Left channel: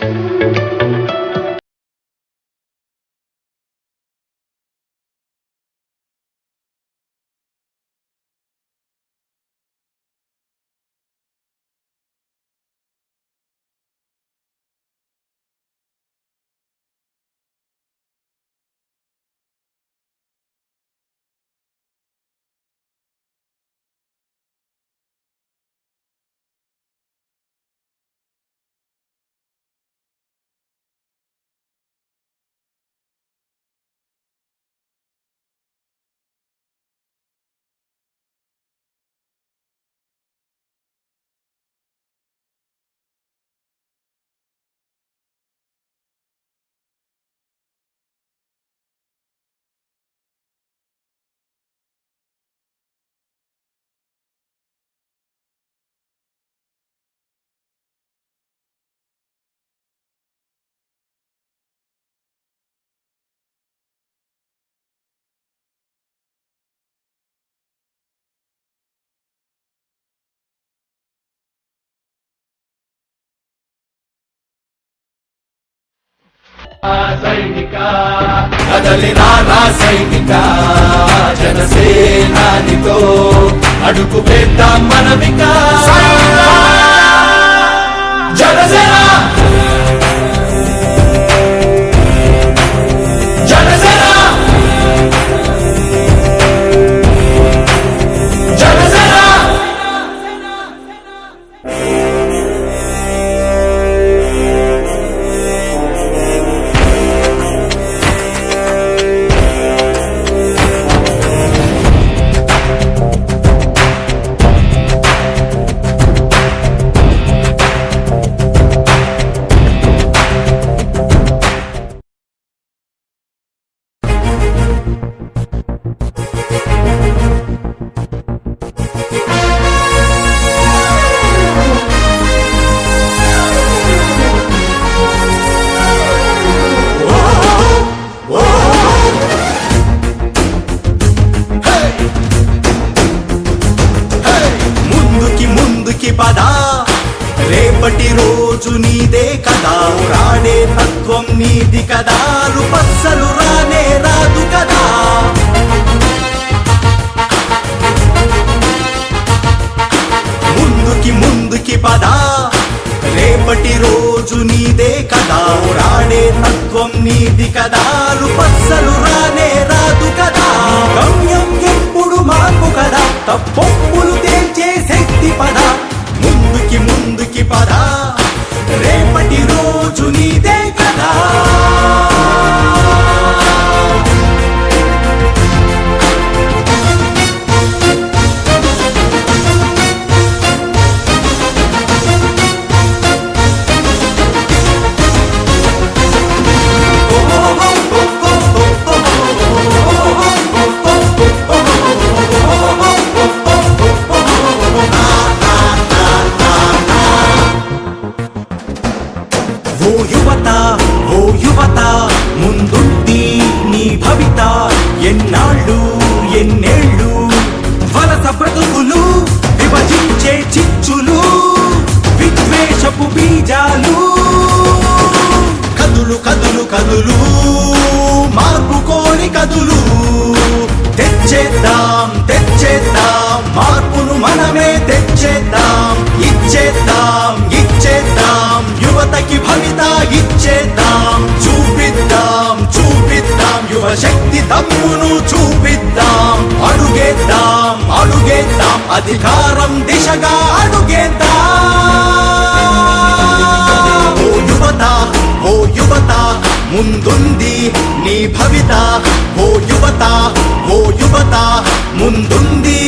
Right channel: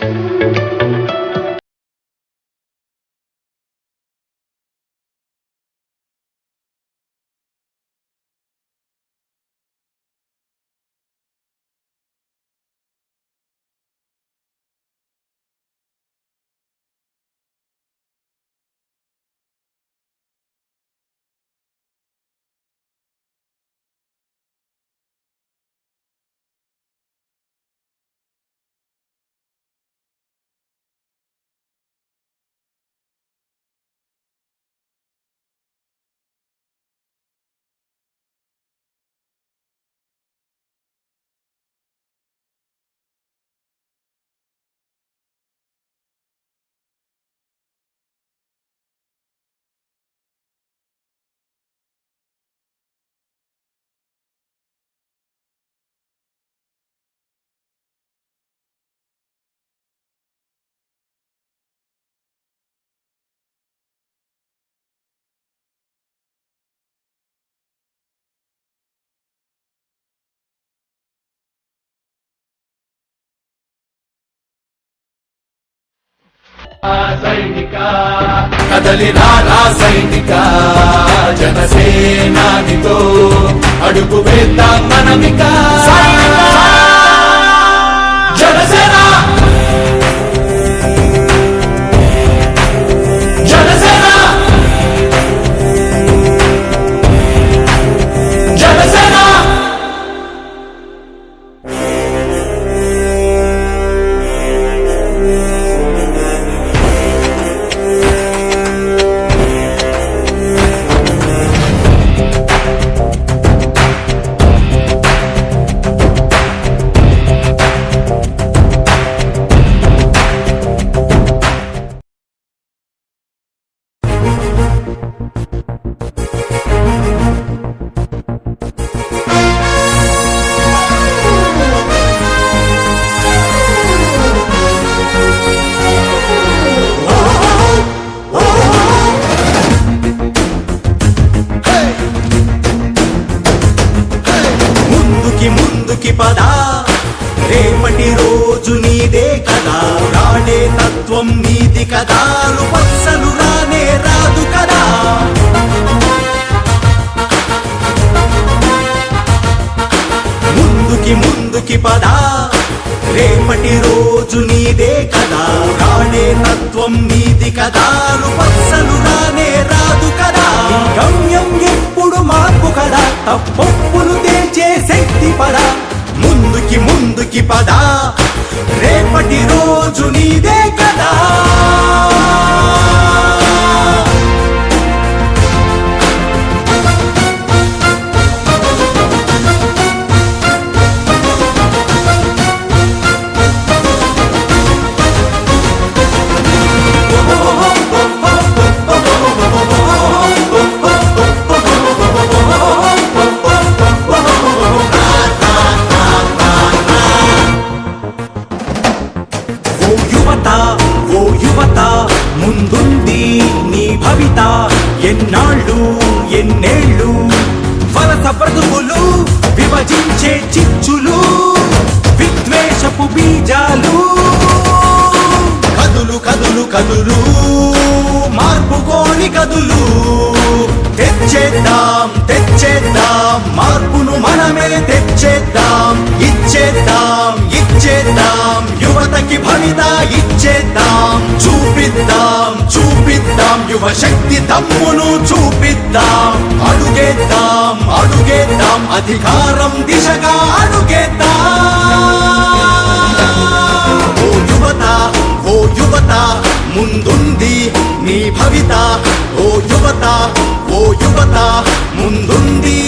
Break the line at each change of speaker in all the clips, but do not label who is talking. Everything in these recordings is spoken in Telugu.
Thank you. సైనిక కదలి రానా సైనిక జనసేనానితో అడుగు వేద్దాం మనమిక. సైనిక!
రేపటి రోజు నీదే కదా. రాడే తత్వం నీది కదా. పచ్చలు రానే రాదు కదా. ముందుకి ముందుకి పదా. రేపటి రోజు నీదే కదా. రాడే తత్వం నీది కదా. పచ్చలు రానే రాదు కదా. గమ్యం ఎప్పుడు మార్పు కదా. తప్పొప్పులు తేల్చే శక్తి పదా రోజు నీదే ఇచ్చేద్దాం ఇచ్చేద్దాం ఇచ్చేద్దాం. యువతకి భవిత ఇచ్చేద్దాం. చూపిద్దాం చూపిద్దాం. యువ శక్తి తమ్మును చూపిద్దాం. అడుగేద్దాం అడుగేద్దాం. అధికారం దిశగా అడుగేద్దాం. ఓ యువత ఓ యువత ముందుంది నీ భవిత. ఓ యువత ఓ యువత ముందుంది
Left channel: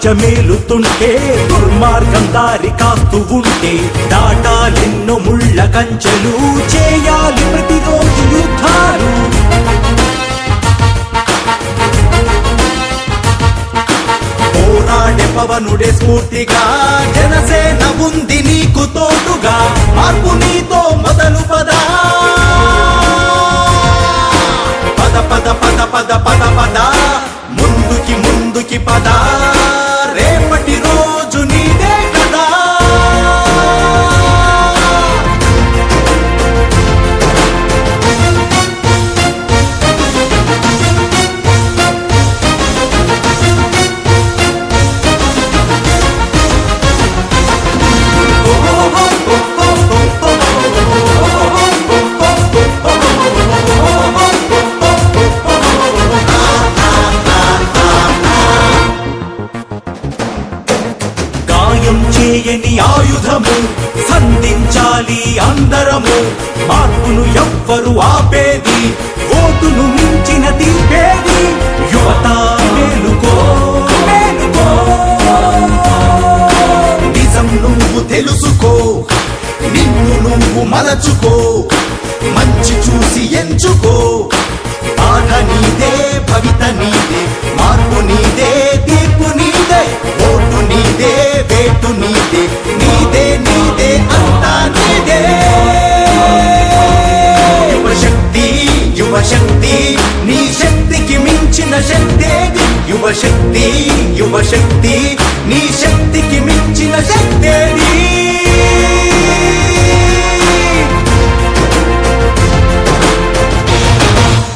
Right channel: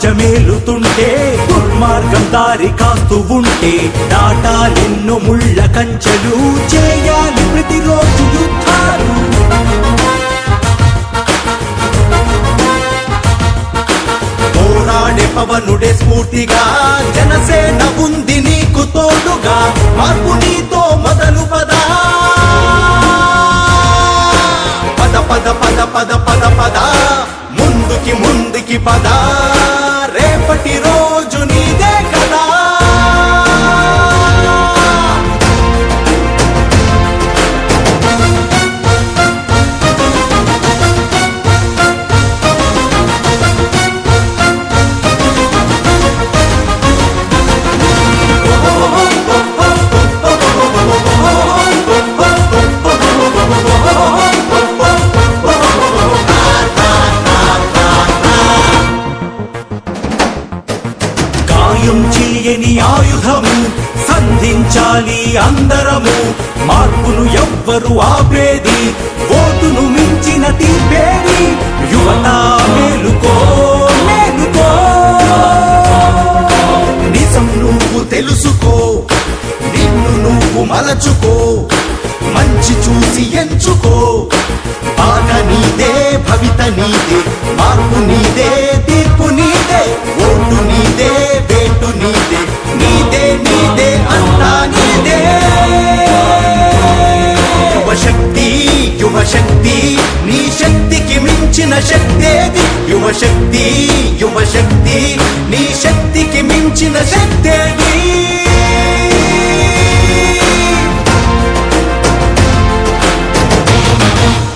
రాజ్యమేలుతుంటే దుర్మార్గం దారి కాస్తూ ఉంటే దాటాలెన్నో ముళ్ళ కంచెలు చేయాలి ప్రతిరోజు యుద్ధాలు. పోరాడే పవనుడే స్ఫూర్తిగా జనసేన ఉంది నీకు తోడుగా మార్పు నీతో మొదలు గాయం చేయని ఆయుధము సంధించాలి అందరము. మార్పును ఎవ్వరు ఆపేది ఓటును మించిన తీర్పేది. యువత మేలుకో మేలుకో. నిజం నువ్వు తెలుసుకో నిన్ను నువ్వు మలచుకో మంచి చూసి ఎంచుకో. బాధ నీదే భవిత నీదే మార్పు నీదే. యువశక్తి నీ శక్తికి మించిన శక్తి. యువశక్తి యువశక్తి నీ శక్తి.